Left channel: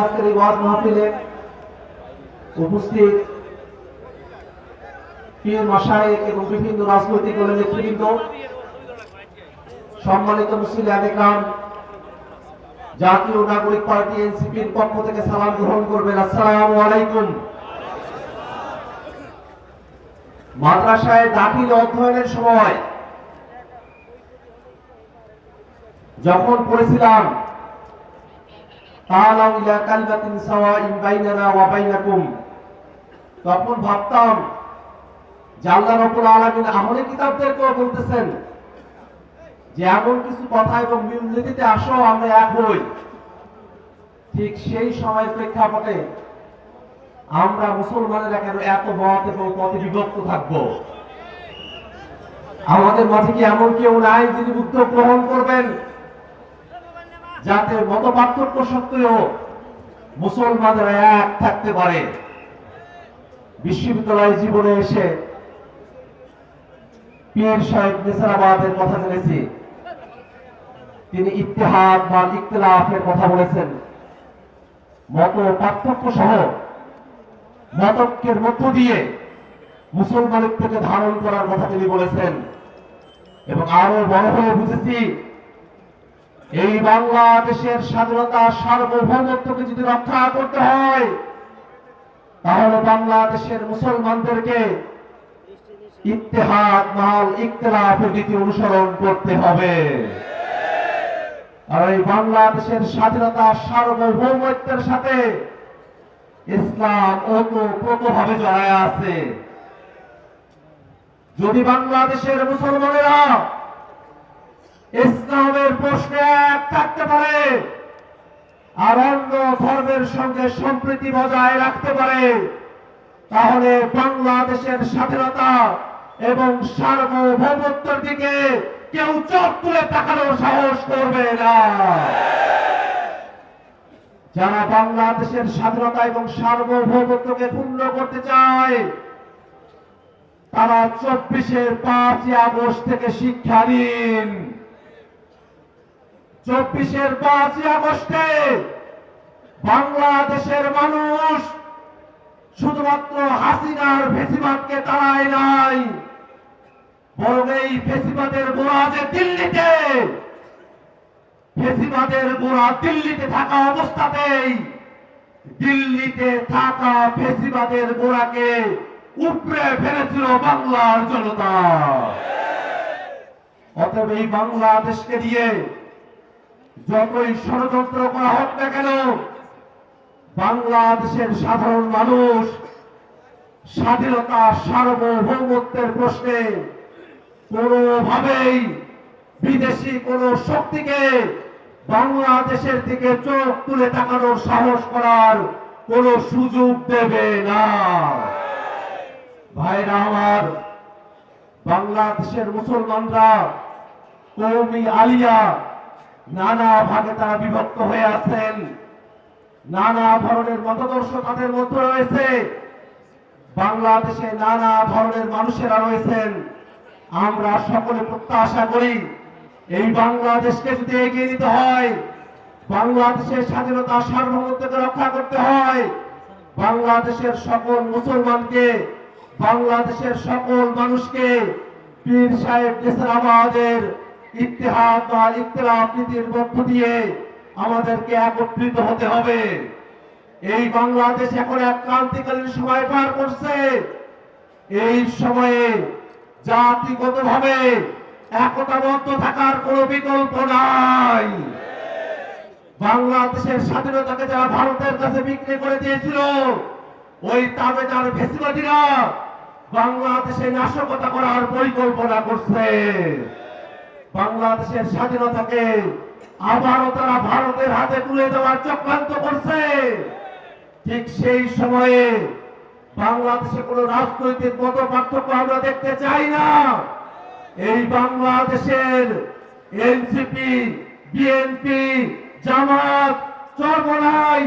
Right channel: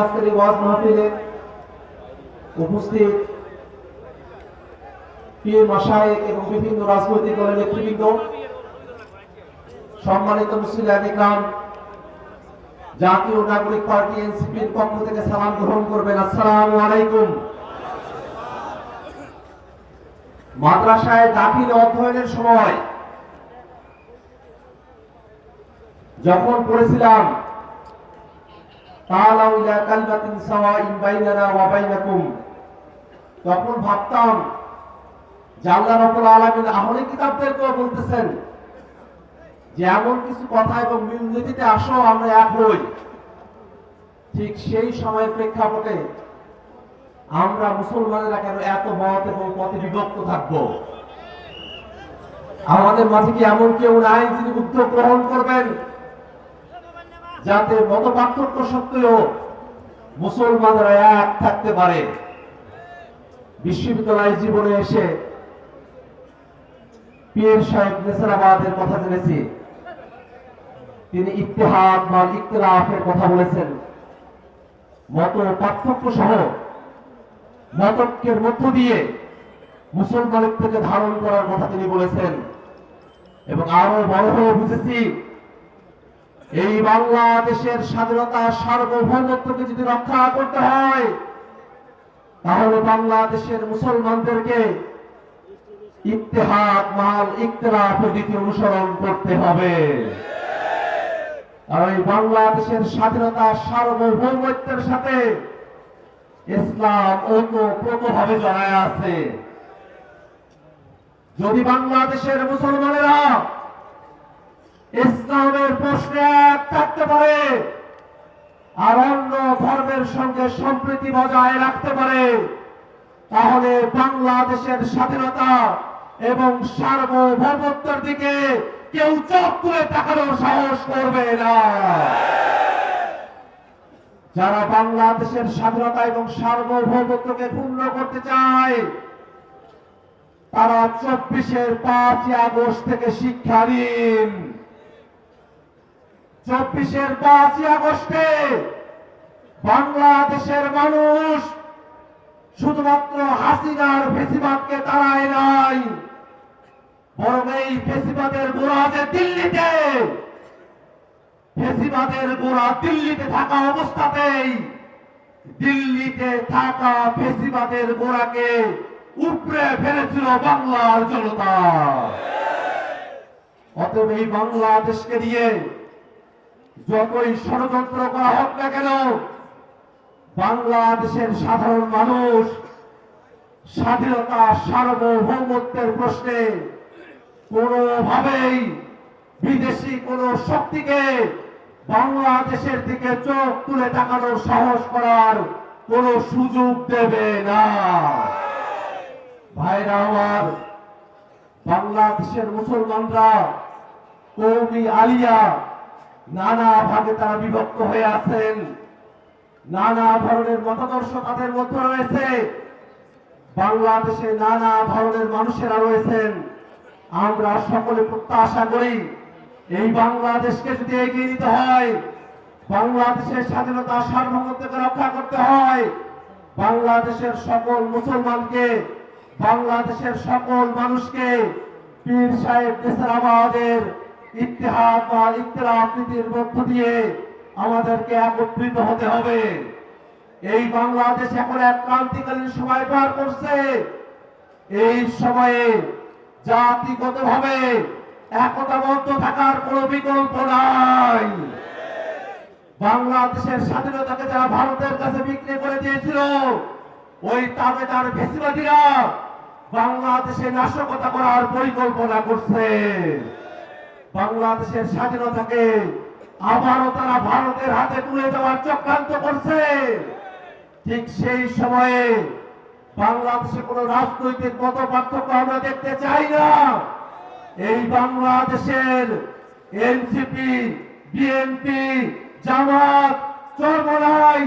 আজকের এই উপস্থিত পীর এবং বিভিন্ন রাজনৈতিক দলের নেতৃবৃন্দ, সম্মানিত মুসলিম আদিকান জাতীয় নাগরিক পার্টি এনসিপির পক্ষ থেকে সালাম গ্রহণ করবেন। আসসালামু আলাইকুম। মাদ্রাসায় দাখিল অধ্যয়নের সময় যখন পড়েছিলাম তখন ভাবতাম বলতেছেন যে এমন কিছু কথা এবং মিলনীতিতে আসো, আমরা এক হই। ঠিক সেই সময়ের প্রেক্ষাপটে আমরা মুসলমানেরা কেন এত মত এবং পথে বিভক্ত থাকব? আমাদের মাঝে কি এমন কেউ নাই যিনি উদ্যোগ গ্রহণ করবেন? যাতে মত পার্থক্য সত্ত্বেও মুসলমানরা এক থাকতে পারে। বিশ্ববিদ্যালয় জীবনে এসে পীর সাহেব নেসারাবাদের কথা জেনেছি। তিনি ইতিহাদ বা ইখতিলাফের কথা বলেছেন। মত পার্থক্য সহ মতকের মধ্য দিয়ে মুসলমানের থেকে ধারণ করার কথা তিনি বলেছেন। এবং আরও বড় হয়ে বুঝেছি এই বাংলাদেশের স্বাধীনতা সার্বভৌমত্বকে যদি রক্ষা করতে হয়, তাহলে বাংলাদেশের মুসলমানদেরকে ইত্তেহাদ, মাল ইকতলাফের নীতি অনুসরণ করতে হবে। আর এই বাংলাদেশের স্বাধীনতা সার্বভৌমত্বের সাথে ইসলাম ওতপ্রোতভাবে জড়ায় আছে। যদি বাংলাদেশের মুসলমানেরা ইসলামের প্রশ্নে এক থাকতে পারে, আর অন্য ধর্মের সঙ্গে সম্প্রীতি বজায় রাখতে পারে, তাহলে বাংলাদেশের স্বাধীনতা এবং সার্বভৌমত্বের দিকে কেউ চোখ তুলে তাকানোর সাহস করবে না। যারা বাংলাদেশের স্বাধীনতা এবং সার্বভৌমত্বকে পূর্ণ করতে চায়, তারা চব্বিশের পাঁচই আগস্ট থেকে শিক্ষা নিন। চব্বিশের পাঁচই আগস্টে বাংলাদেশের মানুষ শুধুমাত্র হাসিনার ফেসিবাদকে তাড়ায় নাই, বরং এই ফেসিবাদের গোড়া যে দিল্লিতে, ফেসিবাদের গোড়া দিল্লিতে থাকা অবস্থাতেই দিল্লিতে থাকা ফেসিবাদের গোড়াকে উপড়ে ফেলেছিল বাংলার জনতা। অতএব এই বাংলাদেশকে দিয়ে যতই ষড়যন্ত্র করা হোক না কেন, বাংলাদেশের সাধারণ মানুষ স্বাধীনতা, সার্বভৌমত্বের প্রশ্নে কোনোভাবেই বিদেশি কোন শক্তিকে বাংলাদেশের দিকে চোখ তুলে তাকানোর সাহস করার কোন সুযোগ দেবে না। ভাইরা আমার, বাংলাদেশের মুসলমানরা কৌমি আলিয়া নানা ভাগে তারা বিভক্ত হয়ে আছেন। নানা ধরনের মতাদর্শ তাদের মধ্যে রয়েছে। বাংলাদেশে নানা ধরনের মানুষেরা রয়েছেন। আমরা সকলে প্রত্যাশা করি, এই বাংলাদেশকে যদি এগিয়ে নিতে হয়, বাংলাদেশের স্বাধীনতা সার্বভৌমত্বকে রক্ষা করতে হয়, বাংলাদেশের সকল মুসলমানকে, বাংলাদেশের সকল মানুষকে, পীর সাহেব নেসারাবাদের ইতিহাস বা ইতিলাফ নীতির মধ্য দিয়ে আমাদেরকে একত্রিত হতে হবে। এই বাংলাদেশ এখন এক ক্রান্তিকালীন সময় পার করছে। এই সময়ে জাতিগত ভাবে একতাবদ্ধ থাকার কোন বিকল্প নাই। বাংলাদেশের স্বাধীনতাকে যারা ভারতের কাছে বিক্রি করে দিয়েছিল, ওই তাবেদার ফেসিবাদীরা বাংলাদেশে নাশকতা করার পরিকল্পনা করছে। বাংলাদেশের স্বাধীনতাকে আবারও তারা ভারতের হাতে তুলে দেওয়ার চক্রান্ত করছে। ঠিক সেই সময়ে বাংলাদেশে কোন রাজনৈতিক মত পার্থক্য আমরা দেখতে চাই না। এই বাংলাদেশের NCP, BNP, Jamaat, Charmonai,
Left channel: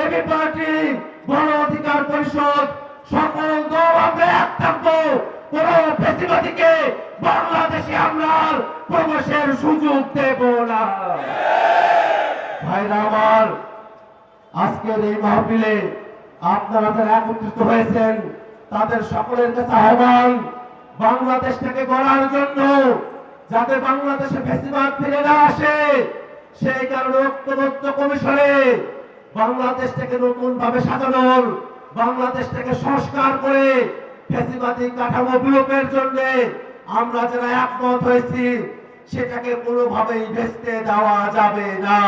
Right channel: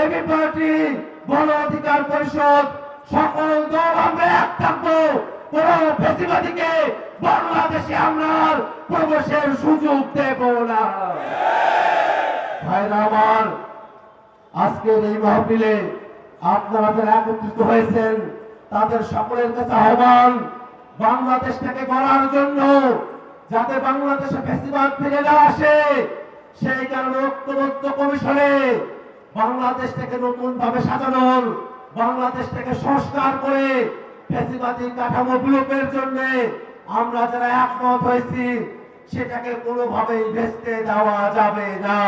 AB party, Gono Odhikar Parishad কোন বাংলাদেশে আমরা প্রবেশের সুযোগ দেব না। ভাইরা আমার, আজকের এই মাহফিলে আপনারা যারা একত্রিত হয়েছেন, তাদের সকলের কাছে আহ্বান বাংলাদেশটাকে গড়ার জন্য যাতে বাংলাদেশে ফেসিবাদ ফিরে না আসে, সেই কারণে ঐক্যবদ্ধ কমিশনে বাংলাদেশটাকে নতুন ভাবে সাজানোর বাংলাদেশটাকে সংস্কার করে কাঠামো বিলোপের জন্য আমরা যারা একমত হয়েছি, সেটাকে কোনোভাবেই ভেস্তে দেওয়া যাবে না।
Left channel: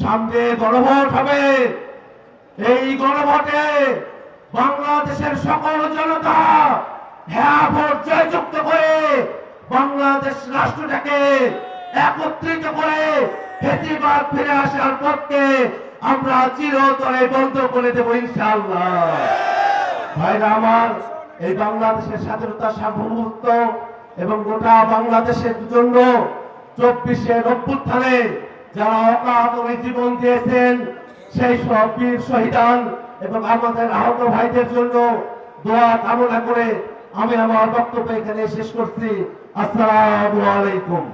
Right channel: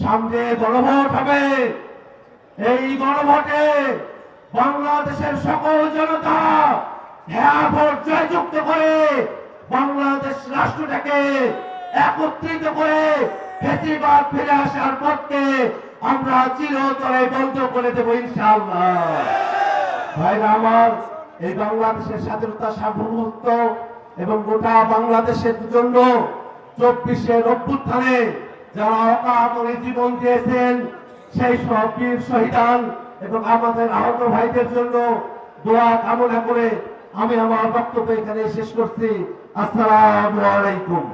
সামনে গণভোট হবে। এই গণভোটে বাংলাদেশের সকল জনতা হ্যাঁ ভোট জয়যুক্ত করে বাংলাদেশ রাষ্ট্রটাকে একত্রিত করে ফেসিবাদ ফিরে আসার পথকে আমরা চিরতরে বন্ধ করে দেবো ইনশাআল্লাহ। ভাইরা আমার, এই বাংলাদেশের স্বাধীনতা সার্বভৌমত্ব এবং গোটা বাংলাদেশের জন্য চব্বিশের অভ্যুত্থানে যারা অকাতরে জীবন দিয়েছেন, সেই সব বীর শহীদান এবং আমাদের আহত ভাইদের জন্য দোয়া কামনা করে আমি আমার বক্তব্য এখানে শেষ করছি। আসসালামু আলাইকুম।